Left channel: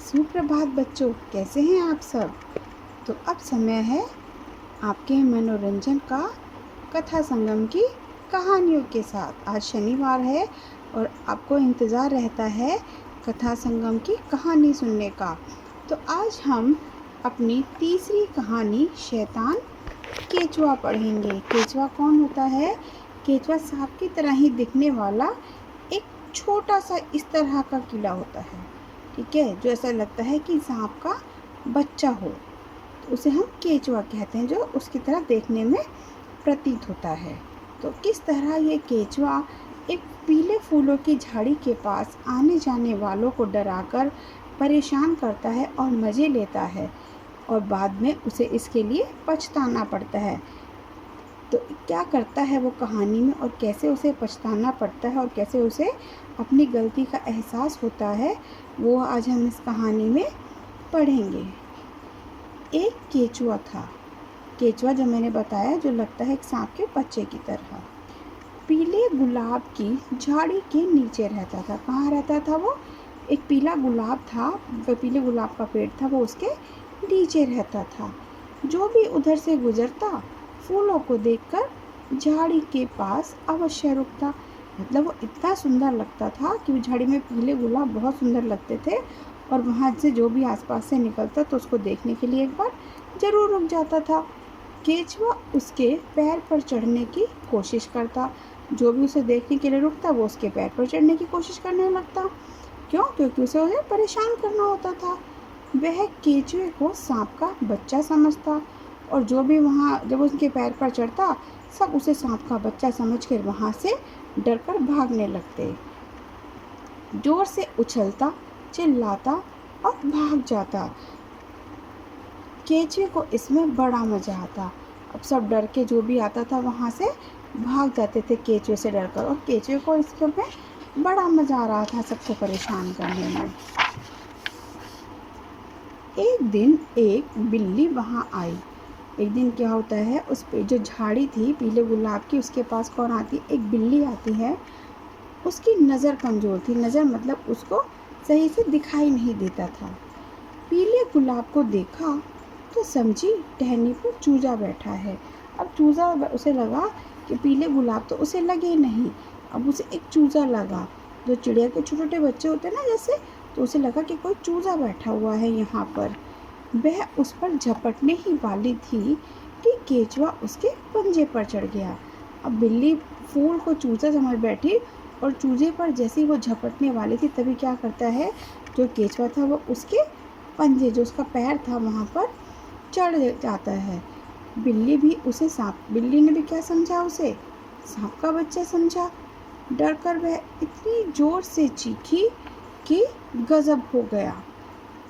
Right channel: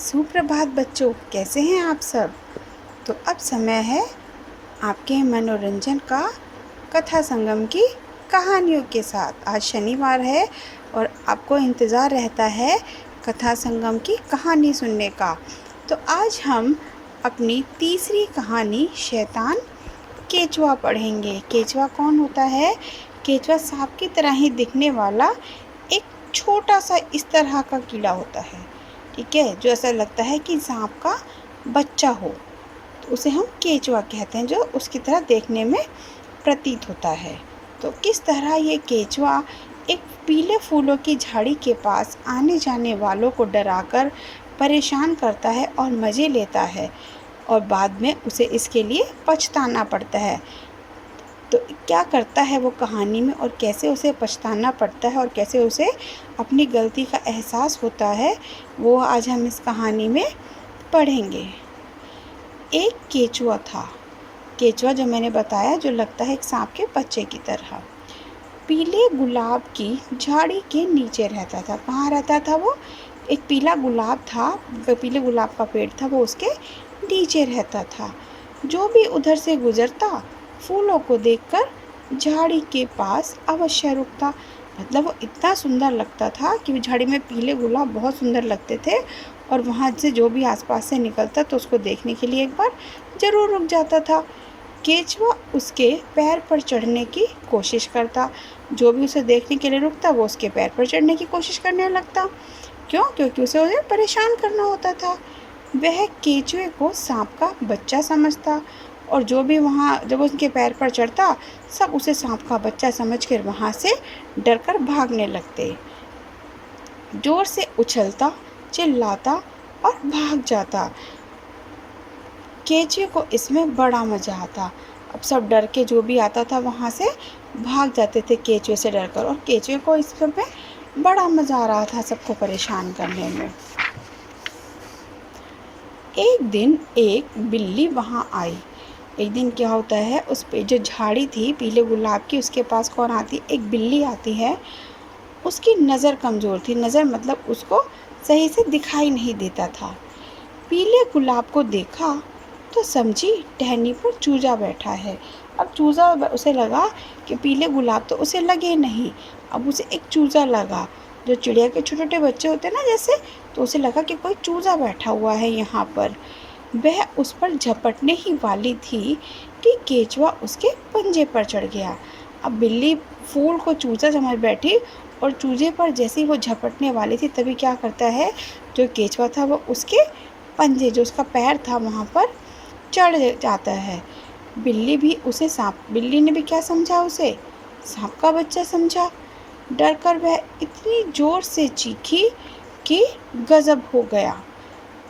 सुप्रभात बच्चों, कैसे हैं आप सब। तो अब समय है आपके मनोरंजन का, कथा संगम की कहानियों के साथ। आज शनिवार है और आपको इंतज़ार रहता है कथा संगम की कहानी सुनने का। तो आज हम अपनी तीसरी कहानी शैतान केचुआ पढ़ेंगे। केचुआ कौन होता है? केचुआ सांप की तरह ही दिखने वाला एक छोटा सा इस तरह का कीड़ा होता है, ठीक है, जो ऐसा लगता है कि सांप का बच्चा हो, तो उसे हम केचुआ कहते हैं, जो उसकी तरह देखने में प्रतीत होता है। तो किस तरह ये केचुआ एक पीले फूलों की झाड़ी के पास आने जाने वालों को डराकर परेशान करता है और मज़े लेता है, और बाद में उसे इसके लिए पछताना पड़ता है। तो क्या करता है वो कहानी में, और कैसे उसे पछताना पड़ता है, और कैसे उसे अपनी गलती का एहसास होता है, वो आज हम इस कहानी में पढ़ेंगे। एक केचुआ था। केचुआ जो मैंने बताया, जो लगता है एक सांप के बच्चे की तरह, पीले गुलाब की झाड़ी के नीचे रहता था। कहाँ रहता था वो? एक पीला गुलाब था, वो पीले गुलाब का पेड़ था, वो उसके नीचे रहता था। जो भी उधर से गुजरता, फूलों को देखकर झाड़ी के पास अवश्य रुकता। मतलब वो इतना सुंदर लगता था कि वो झाड़ी में पीले गुलाब बहुत सुंदर लगते थे, और वहाँ से जो भी आसपास से निकलता तो उसको देखने के लिए एक बार ज़रूर रुक जाता था। केचुआ उसके पैर पर चढ़ने की कोशिश करता। जो भी उसे देखने के लिए रुकता, वो उसके पैर पर चढ़ने की कोशिश करने लगता। क्यों? क्योंकि उसे परेशान करना होता था। वह केचुए को सांप का बच्चा समझता, और जो भी वहाँ जब उसके पैर पर चढ़ता, सब उसे सांप का बच्चा समझकर वहाँ से डरकर भागने लगते। जोर से उछलता, चिल्लाता और भाग जाता। केचुए को इसमें बड़ा मज़ा आता। अब सब डर के जो भी आता था वहाँ से भाग जाते थे केचुए से डरकर, और केचुए को इसमें बड़ा मज़ा आ रहा था सबको परेशान करने में। एक दिन एक बिल्ली वहाँ आई। एक दिन क्या होता है, उस पे जो झाड़ी थी पीले गुलाब की, उसके पास कौन आती? एक बिल्ली आती है। उसकी नज़र कमज़ोर थी। नज़र मतलब उसको सही से दिखाई नहीं देता था। पीले गुलाब को देखा तो समझी टहनी पर चूजा बैठा है। अब चूजा, उसे लगा कि पीले गुलाब तो उसे लगे नहीं, अब उसे एक चूजा लगा, जो चिड़िया के छोटे छोटे बच्चे होते हैं ना जैसे, तो उसे लगा कि कोई चूजा बैठा हुआ है यहाँ पर। वह उस पर झपटने ही वाली थी कि केचुआ उसके पंजे पर चढ़ गया। अब बिल्ली फूल को चूजा समझ बैठी, और चूजे पर जैसे ही वो झपटने वाली थी, तभी क्या करता है, जो केचुआ था वो उसके पंजे, जो उसका पैर था वहाँ पर चढ़ जाता है। बिल्ली ने भी क्या समझा, उसे सांप का बच्चा समझा। डर कर वह इतनी जोर से चीखी कि गजब हो गया।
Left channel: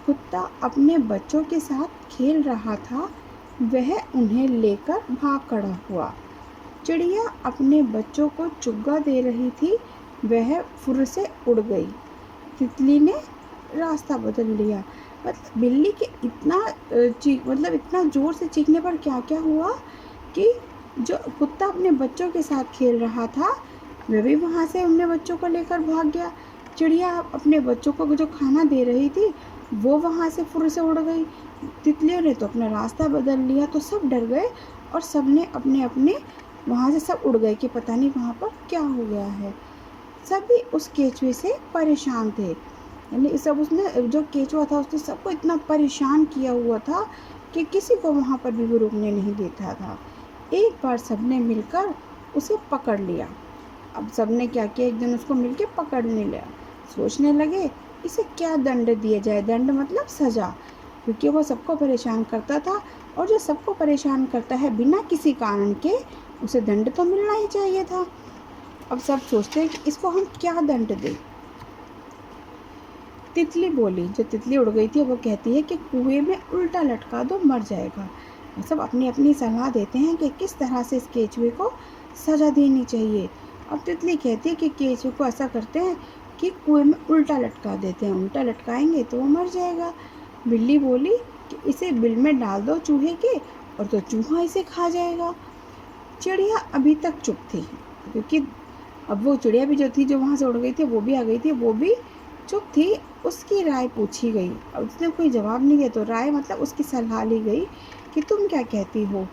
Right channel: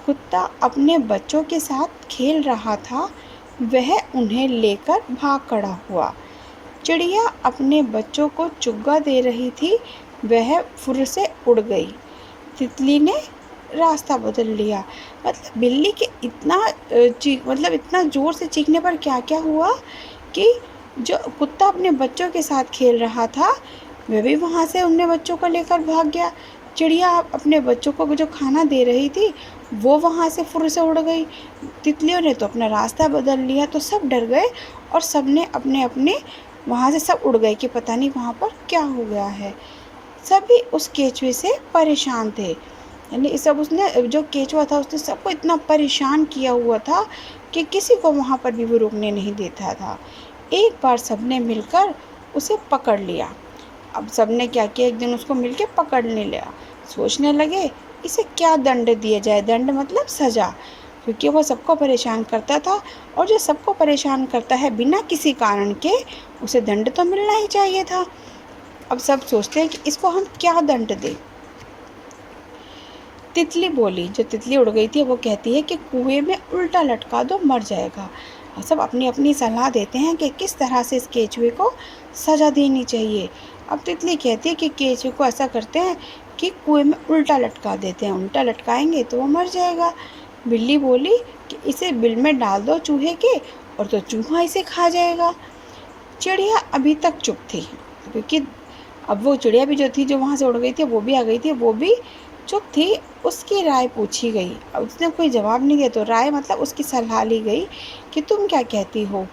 कुत्ता अपने बच्चों के साथ खेल रहा था, वह उन्हें लेकर भाग खड़ा हुआ। चिड़िया अपने बच्चों को चुग्गा दे रही थी, वह फुर से उड़ गई। तितली ने रास्ता बदल लिया। मतलब बिल्ली के इतना ज़ोर से चीखने पर क्या क्या हुआ कि जो कुत्ता अपने बच्चों के साथ खेल रहा था, वह भी वहाँ से अपने बच्चों को लेकर भाग गया। चिड़िया अपने बच्चों को जो खाना दे रही थी, वो वहाँ से फुर से उड़ गई। तितलियों ने तो अपना रास्ता बदल लिया। तो सब डर गए, और सब ने अपने अपने वहाँ से सब उड़ गए कि पता नहीं वहाँ पर क्या हो गया है। सभी उस केचुए से परेशान थे। यानी सब उसने, जो केचुआ था उसने सबको इतना परेशान किया हुआ था कि किसी को वहाँ पर भी वो रुकने नहीं देता था। एक बार सबने मिलकर उसे पकड़ लिया। अब सबने क्या किया, एक दिन उसको मिलके पकड़ने लिया। सोचने लगे इसे क्या दंड दिया जाए। दंड मतलब सज़ा, क्योंकि वो सबको परेशान करता था, और जो सबको परेशान करता है बिना किसी कारण के, उसे दंड तो मिलना ही चाहिए था। अब सब सोचते हैं कि इसको हम क्या दंड दें। तितली बोली, जो तितली उड़ गई थी, वो कहती है कि कुएं में उल्टा लटका दो, मर जाएगा। और सब अपनी अपनी सलाह देते हैं कि किस तरह से इस केचुए को सज़ा देनी चाहिए। अब तितली कहती है कि केचुए को ऐसा करते हैं कि कुएं में उल्टा लटका देते हैं, उल्टा लटकाएंगे तो वो मर जाएगा। बिल्ली बोली कि इसे बिल में डाल दो चूहे के, और तो चूहा इसे खा जाएगा। चिड़िया अभी तक चुप थी, क्योंकि अब वो चिड़िया भी जो थी, जो वहाँ से उड़ गई थी, वो भी आ गई थी, वो भी चुप थी। उसकी राय पूछी गई। अब उसने कोई जवाब नहीं दिया तो राय मतलब उसकी सलाह ली गई कि तुम क्या कहती हो।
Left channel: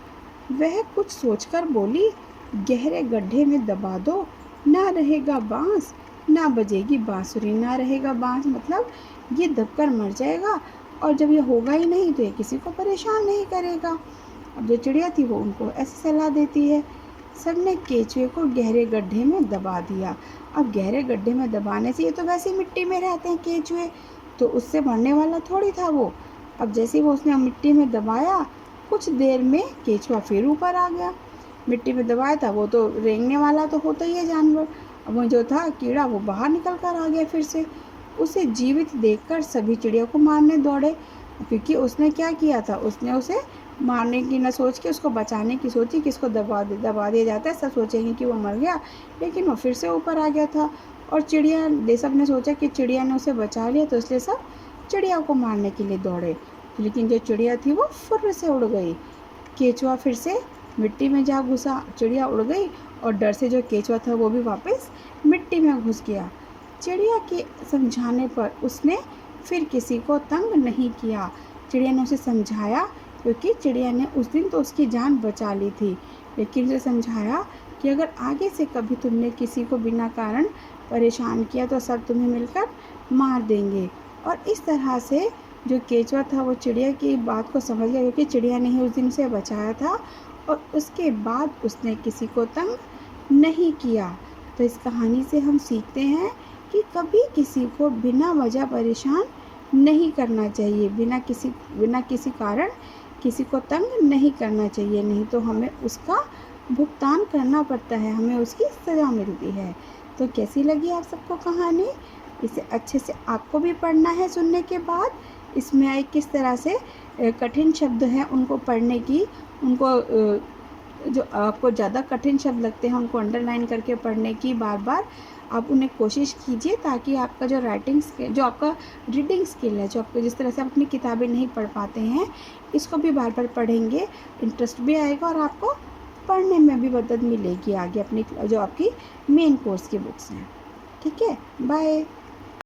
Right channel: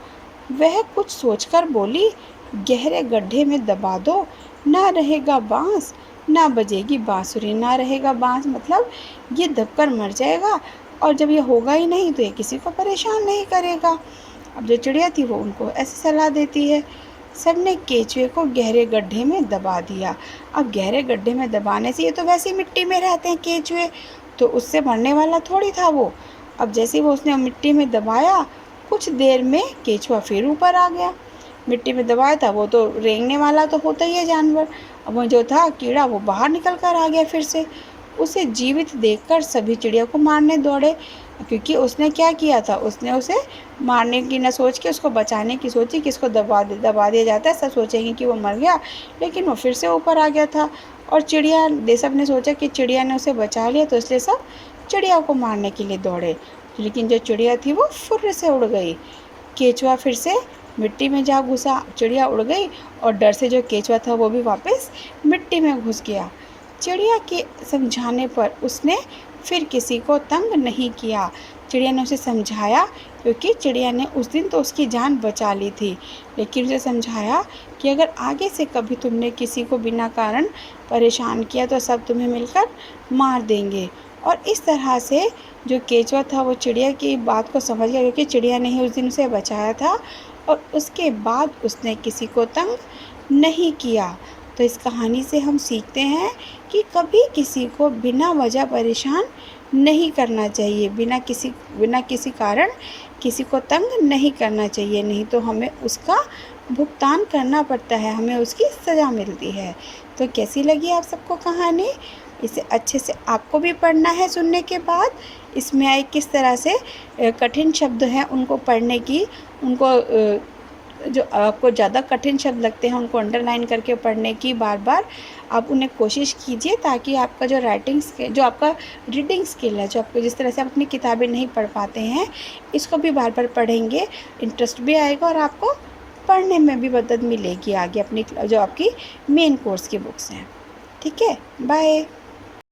वह कुछ सोचकर बोली, गहरे गड्ढे में दबा दो, ना रहेगा बांस ना बजेगी बांसुरी। ना रहेगा बांस मतलब ये दबकर मर जाएगा, और जब ये होगा ही नहीं तो ये किसी को परेशान नहीं करेगा। अब जो चिड़िया थी वो उनको ऐसी सलाह देती है। सबने केचुए को गहरे गड्ढे में दबा दिया। अब गहरे गड्ढे में दबाने से, ये तो वैसे ही मिट्टी में रहते हैं केचुए, तो उससे मरने वाला थोड़ी था वो। अब जैसे ही वो उसने मिट्टी में दबाया, कुछ देर में केचुआ फिर ऊपर आ गया। मिट्टी में दबाया था वो तो रेंगने वाला तो होता ही है जानवर। अब वो जो था कीड़ा वो बाहर निकल कर आ गया फिर से। उसे जीवित देखकर सभी चिड़िया को मारने दौड़े, क्योंकि उसने क्या किया था, उसने उसे मारने की न सोच के उसको बचाने की सोची कि इसको दबा दिया जाता है, सब सोचेंगे कि वो मर गया, लेकिन वो फिर से ऊपर आ गया था। और सब ने सोचा कि चिड़िया ने उसे बचा लिया, तो इसलिए सब चिड़िया को मारने के लिए दौड़े। लेकिन जो चिड़िया थी वो फुर्र से उड़ गई। केचुआ फिर से मिट्टी में जा घुसा, चिड़िया उड़ गई और डर से जो केचुआ था वो भी वापस मिट्टी में घुस गया। चिड़िया के समझाने पर उसने फिर किसी को तंग नहीं किया। चिड़िया ने उसे समझाया, क्योंकि चिड़िया ने उस दिन तो उसकी जान बचा ली थी, लेकिन उसे समझाया कि अगर आगे से कभी तुमने किसी को बिना कारण परेशान किया तो सब तुम्हें मिलकर मार देंगे। और इस तरह से जो केचुआ था वो चिड़िया की बात को समझ गया, क्योंकि चिड़िया ने ही उस दिन उसे बचाया था, और उसके बाद उसने किसी को तंग नहीं किया। तो इस कहानी से हम सीखते हैं कि कभी किसी को बिना वजह परेशान नहीं करना चाहिए, बिना किसी कारण किसी को तंग नहीं करना चाहिए, नहीं तो हमें उसका भुगतान करना पड़ता है, हमें उसकी सज़ा मिलती है। तो कैसी लगी आप सबको कहानी? इसे अच्छे से आपको भी पढ़ना है सुनने के बाद। इसमें आई किस तरह से कठिन शब्द हैं उनको पढ़ने की, उनको जो आपको ज़्यादा कठिन शब्द लगते हैं उनको अंडरलाइन करके पढ़ने की बार बार आप उन्हें कोशिश कीजिए, ताकि आपका जो जो आपका रीडिंग स्किल है, जो आपको जिस तरह से आप अपनी किताबें नहीं पढ़ पाते हैं, इसको भी बार बार पढ़ेंगे, इंटरेस्ट भी आएगा और आपको पढ़ने में भी मदद मिलेगी आगे अपनी जो आपकी मेन कोर्स की बुक्स हैं। ठीक है, बाय।